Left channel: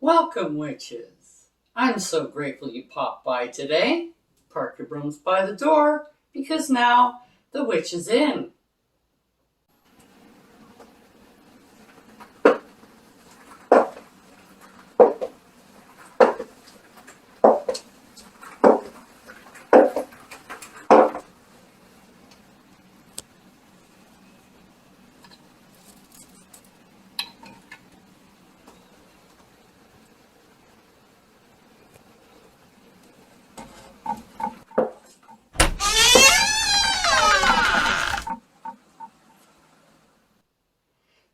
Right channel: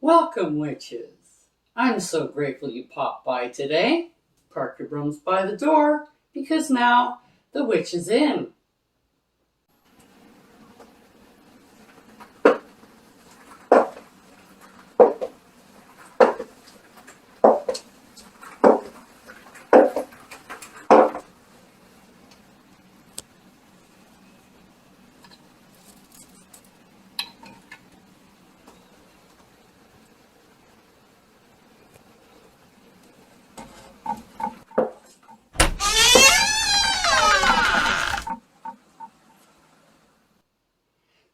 Welcome, witches. I'm so grateful you popped by today. Park your brooms by the door because now the witch is in.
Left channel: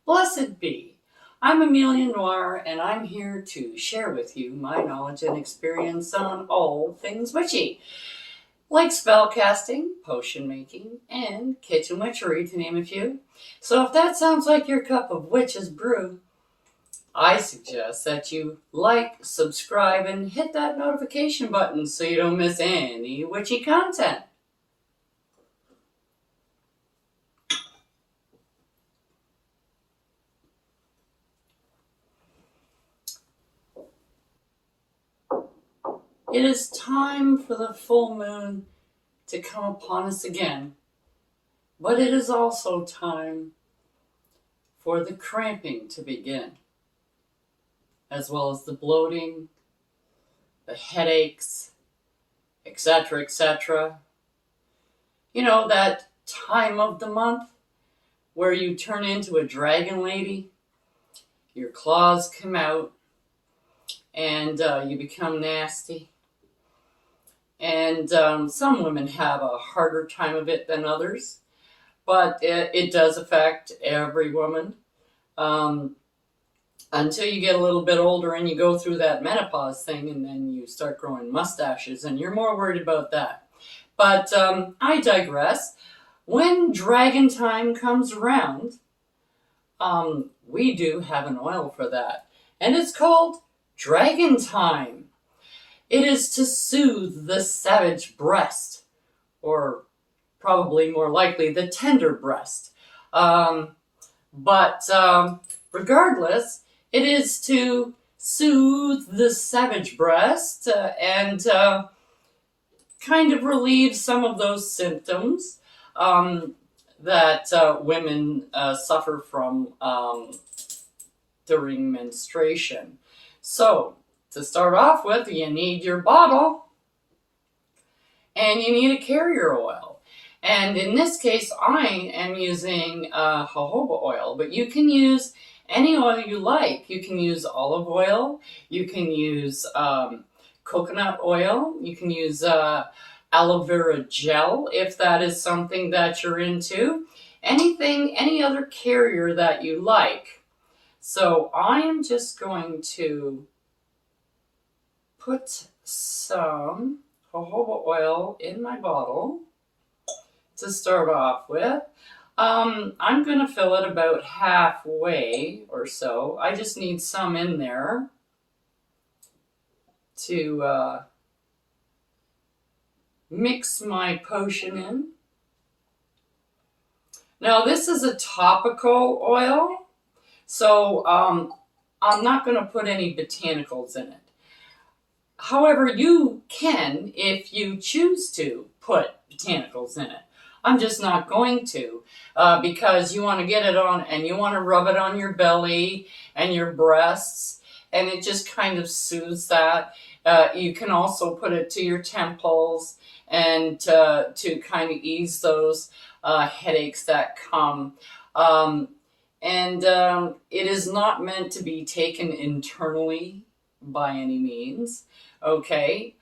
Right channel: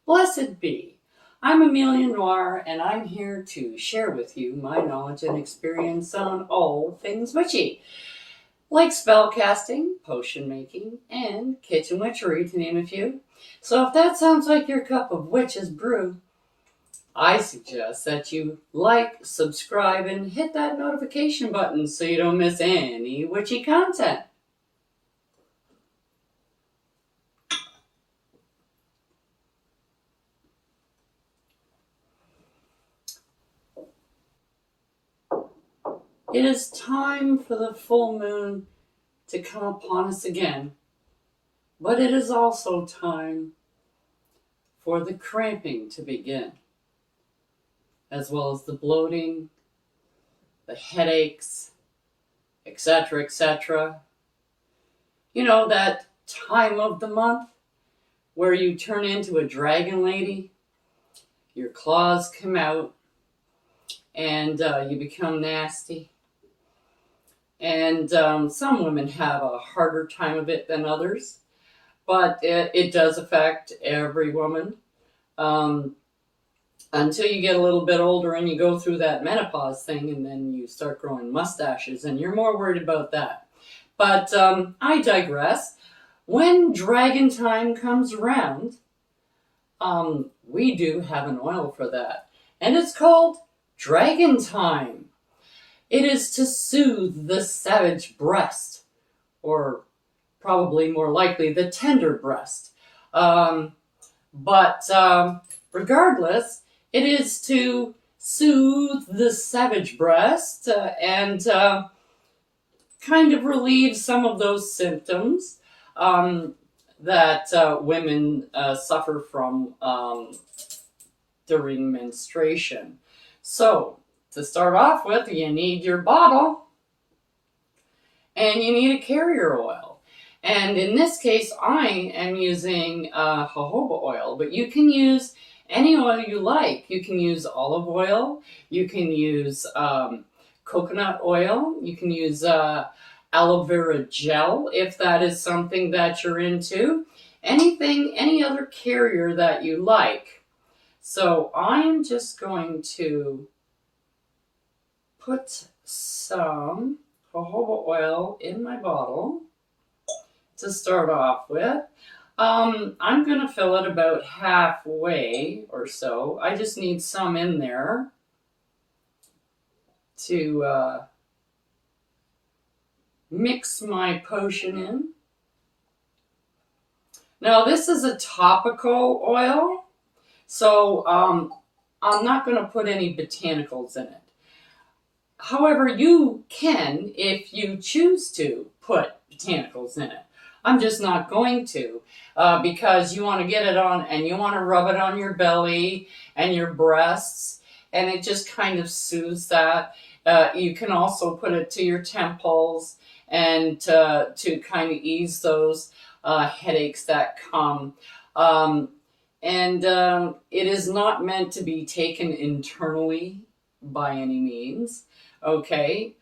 Blessed be. I'm Amelia Noir, and I'm here to share with you my knowledge and experience on all things witchy, like spell casting, potion making, and kitchen witchery, to name a few. So if that sounds like your cup of witch's brew, I suggest that you like, subscribe, and hit that notification button so you don't miss any witchy content. It is time for the full moon to come upon us again, but it is also time for the cramping to begin, as well as the bloating, the headaches, etc., etc. You know, that time of the month where you turn into a dragon lady, your claws come out, and you become nasty. And some women have a harder time of it than others, but it does affect every woman until you get a little bit older and you go through that menopause thing, and then you start growing mustaches, and you're more worried about that. But I digress. When dragon time comes around, we do have an oil for that, and it's called Dragon Time. It is to soothe the savage breast, or probably more likely the tender breast. But regardless, it is to soothe the savage breast and kind of relieve some of those symptoms that women suffer from during menstruation. So, to start off with, you need your bottle and you need a carrier oil. And in this case, I am using jojoba oil, but you can use any oil you like. You can use olive oil, you can use coconut oil, you can use aloe vera gel if that is something that you're into. Any other carrier that you like. So I am just going to put some jojoba oil in my bottle to start off with. I'm going to fill it about halfway or so. I just need some in there to mix my potion in. Now, this is a topical oil, so I'm not going to put any botanicals in it. However, you can, if you choose to, put botanicals in it. I'm just not going to because you want to get it on and you want to rub it on your belly and your breasts, and it just kind of soothes that. You can also put it to your temples and to kind of ease those headaches that come. It is not meant to be taken internally by any means. Okay,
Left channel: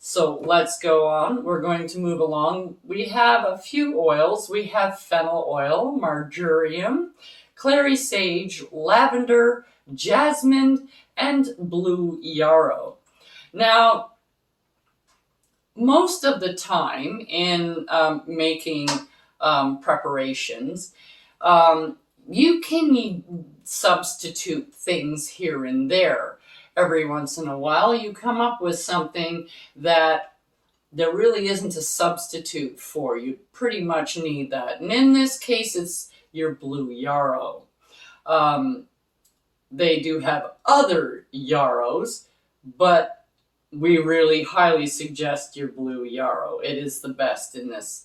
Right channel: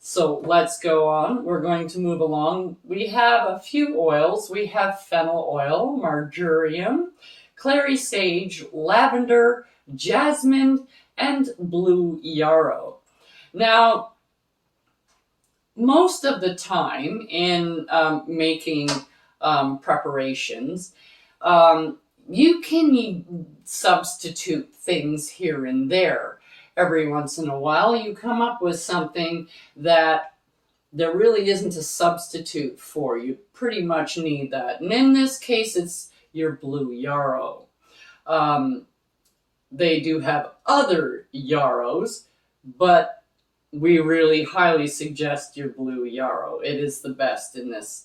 so let's go on. We're going to move along. We have a few oils. We have fennel oil, marjoram, clary sage, lavender, jasmine, and blue yarrow. Now, most of the time in making preparations, you can substitute things here and there. Every once in a while, you come up with something that there really isn't a substitute for. You pretty much need that. And in this case, it's your blue yarrow. they do have other yarrows, but we really highly suggest your blue yarrow. It is the best in this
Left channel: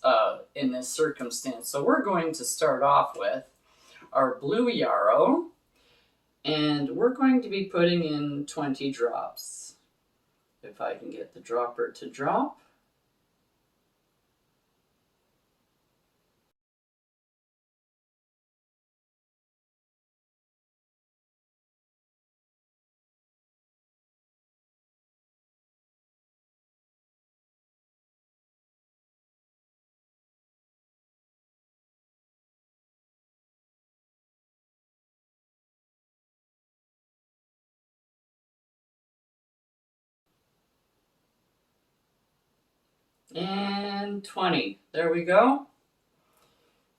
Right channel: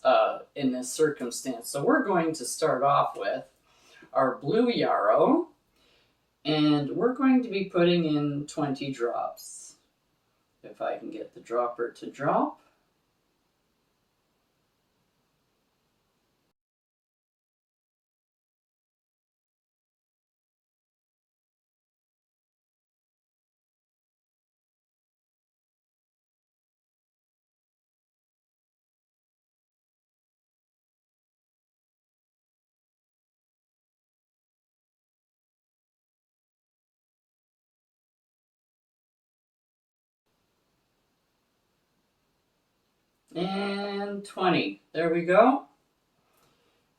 circumstance. So we're going to start off with our blue yarrow, and we're going to be putting in 20 drops. If I can get the dropper to drop. And 20. There we go.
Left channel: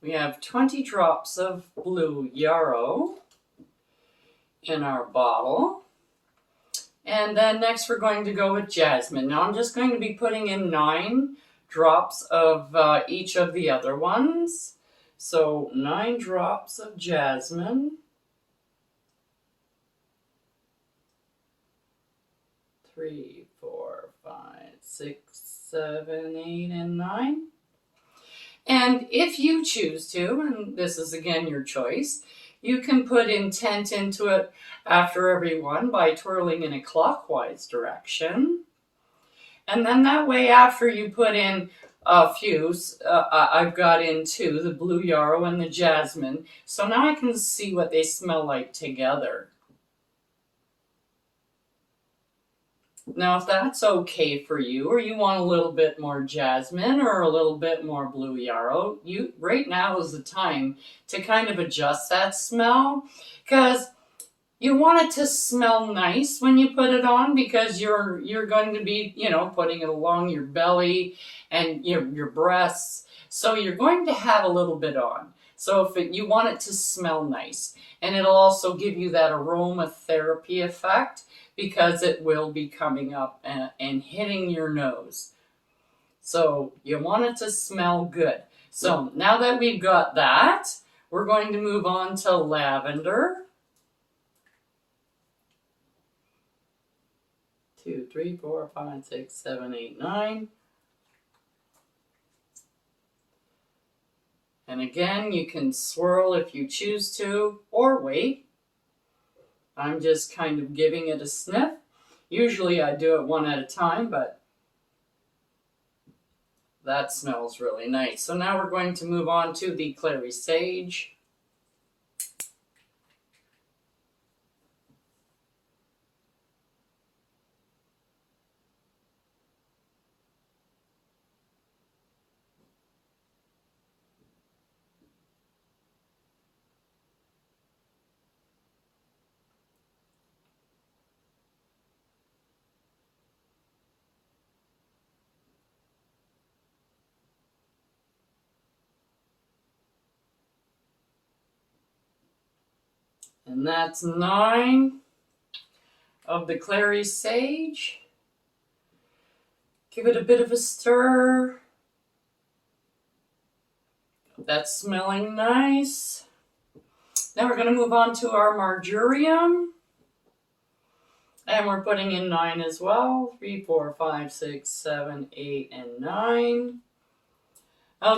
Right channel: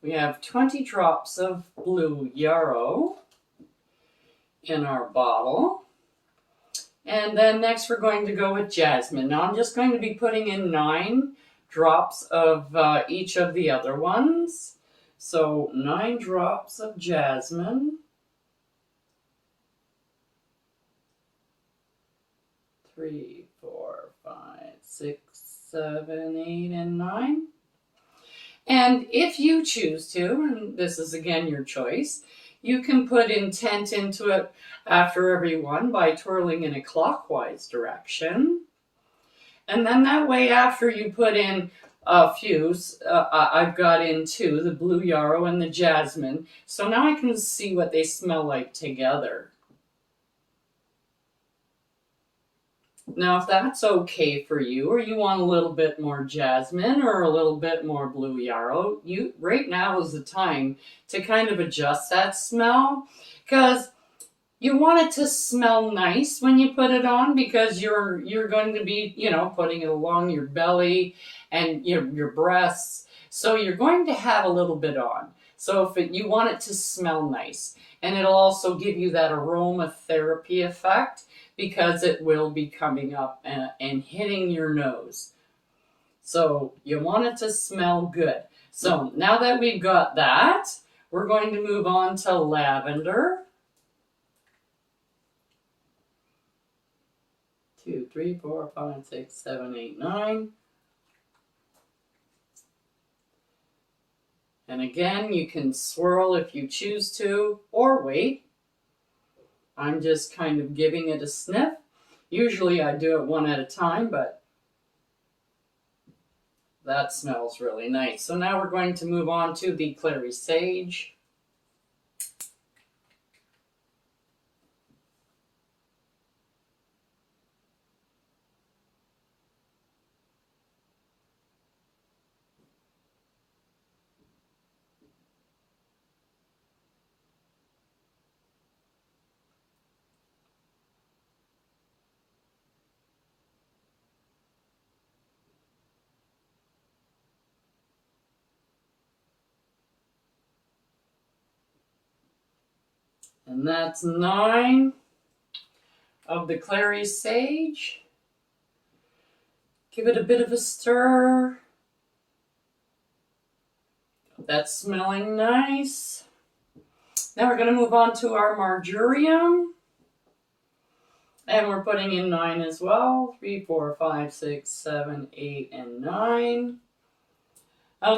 We have 20 drops of blue yarrow in our bottle. And then next we're going to go with jasmine. Now I'm just going to be putting in 9 drops of each of the other ones. So 9 drops of jasmine. 3, 4, 5, 6, 7, 8, and 9. And if you choose to, and this is again your choice, you can put intent into it after every one by twirling in a clockwise direction. And then that way, after you put in a few, I've got in 2, the blue yarrow and the jasmine. So now I can see what they smell like together. Now, if that's okay for you, or you want a little bit more jasmine or a little bit more blue yarrow, right now is the time to kind of adjust that smell, because you want it to smell nice when you put it on, because you're going to be, putting it along your belly and your breasts. So you're going to have a little bit on. So you want it to smell nice, and it'll also give you that aromatherapy effect, because it will be coming up and hitting your nose. So you want it to smell good. So now that we've got that, we're going to move on to lavender. 2, 3, 4, 5, 6, 7, 8, 9. And again, you can swirl if you choose to, or wait. I'm just kind of giving it a sniff. Usually I do it one at a time, but that smells really nice. So now we're going to move on to the clary sage. And that's 9 of the clary sage. Give it a bit of a stir. That's smelling nice. Now we're going to move on to our marjoram. And we're putting in 9 as well. 3, 4, 5, 6, 7, 8, and 9.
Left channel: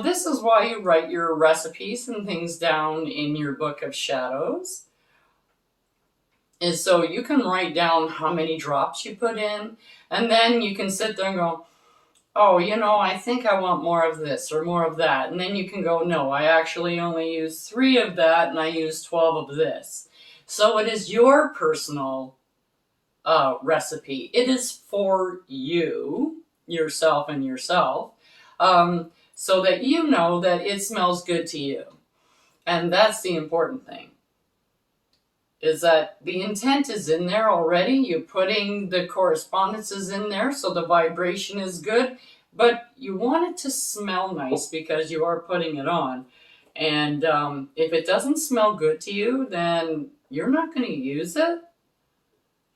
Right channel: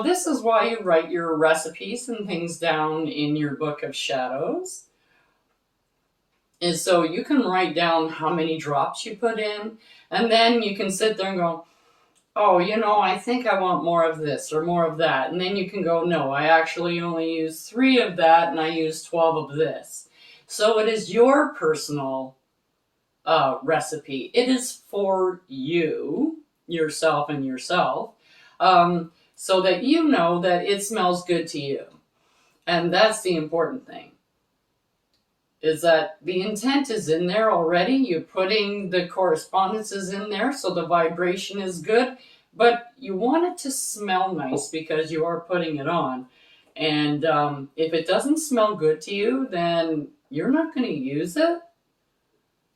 This is why you write your recipes and things down in your book of shadows. And so you can write down how many drops you put in, and then you can sit there and go, oh, I think I want more of this or more of that. And then you can go, no, I actually only use 3 of that and I use 12 of this. So it is your personal recipe. It is for you, yourself and yourself, so that you know that it smells good to you. And that's the important thing, is that the intent is in there already. You're putting the correspondences in there, so the vibration is good, but you want it to smell nice because you are putting it on. And if it doesn't smell good to you, then you're not going to use it,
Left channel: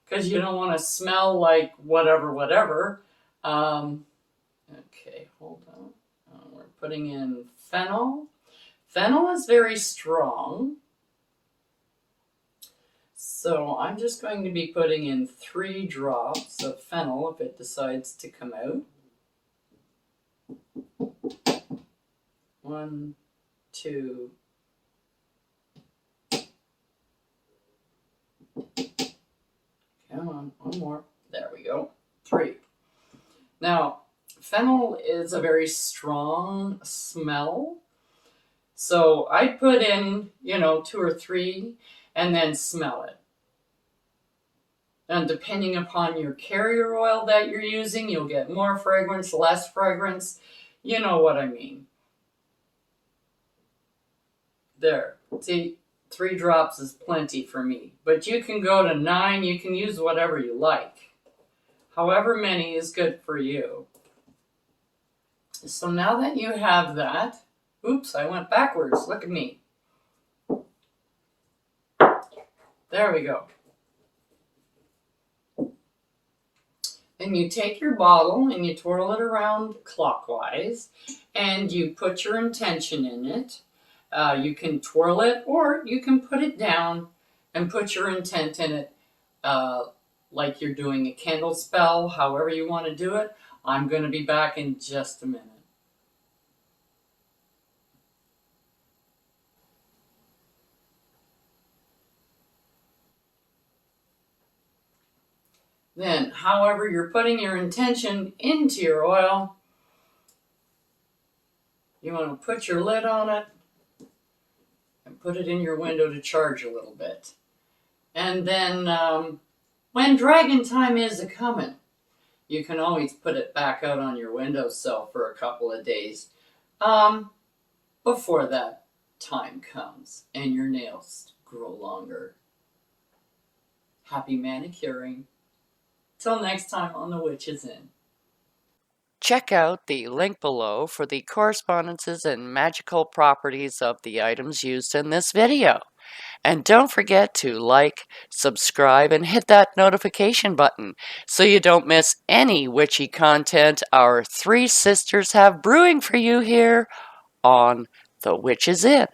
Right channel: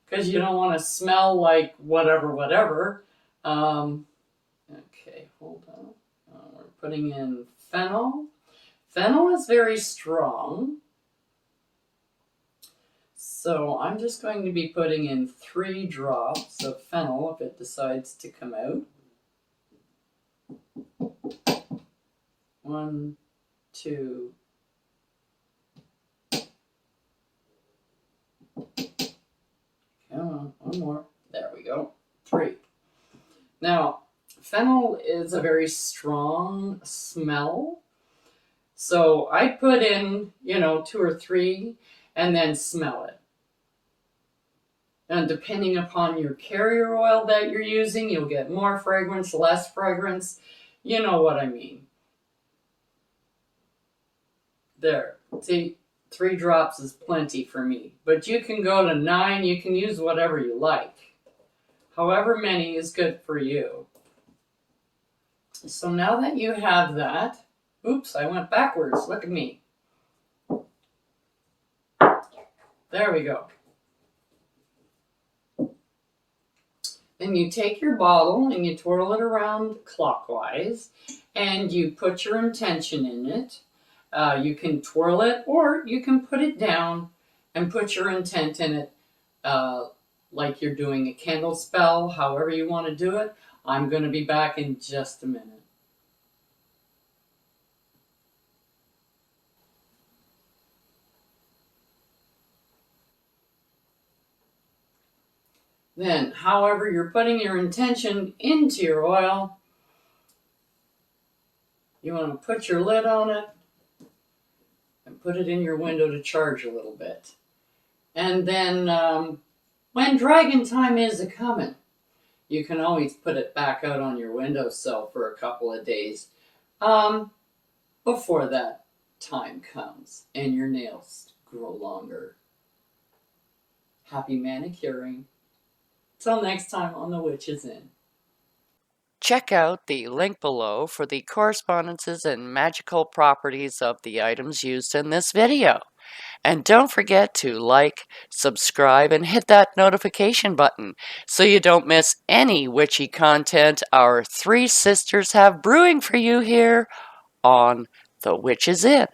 because you don't want to smell like whatever. Okay, hold on. We're putting in fennel. Fennel is very strong. So I'm just going to be putting in 3 drops of fennel if it decides to come out. 1, 2. Come on, 1 more. There we go. 3. Now, fennel is a very strong smell. So I put in, 2 or 3 and then smell it. And depending upon your carrier oil that you're using, you'll get more fragrance, less fragrance. You know what I mean. There. See, 3 drops is plenty for me. But you can go to 9. You can use whatever you like. However many is good for you. So now that you have that, oops, I went backwards. Look at me. There we go. Then you take your bottle and you twirl it around clockwise and you put your intention in it. You can twirl it or you can put it down and put your intent in it like you're doing a candle spell, however you want to do it. I'm going to be back in just a minute. Then, however you're putting your intention into your oil, you want to put your lid on it and put it in your window to charge a little bit. And then when dragon time is a-coming, you can always put it back out on your windowsill for a couple of days before that time comes and your nails grow longer. Happy manicuring. Till next time on The Witch's Inn. Check out the link below for the correspondences and magical properties of the items used in this video. And don't forget to like, subscribe, and hit that notification button so you don't miss any witchy content our 3 sisters have brewing for you here on The Witch's Inn.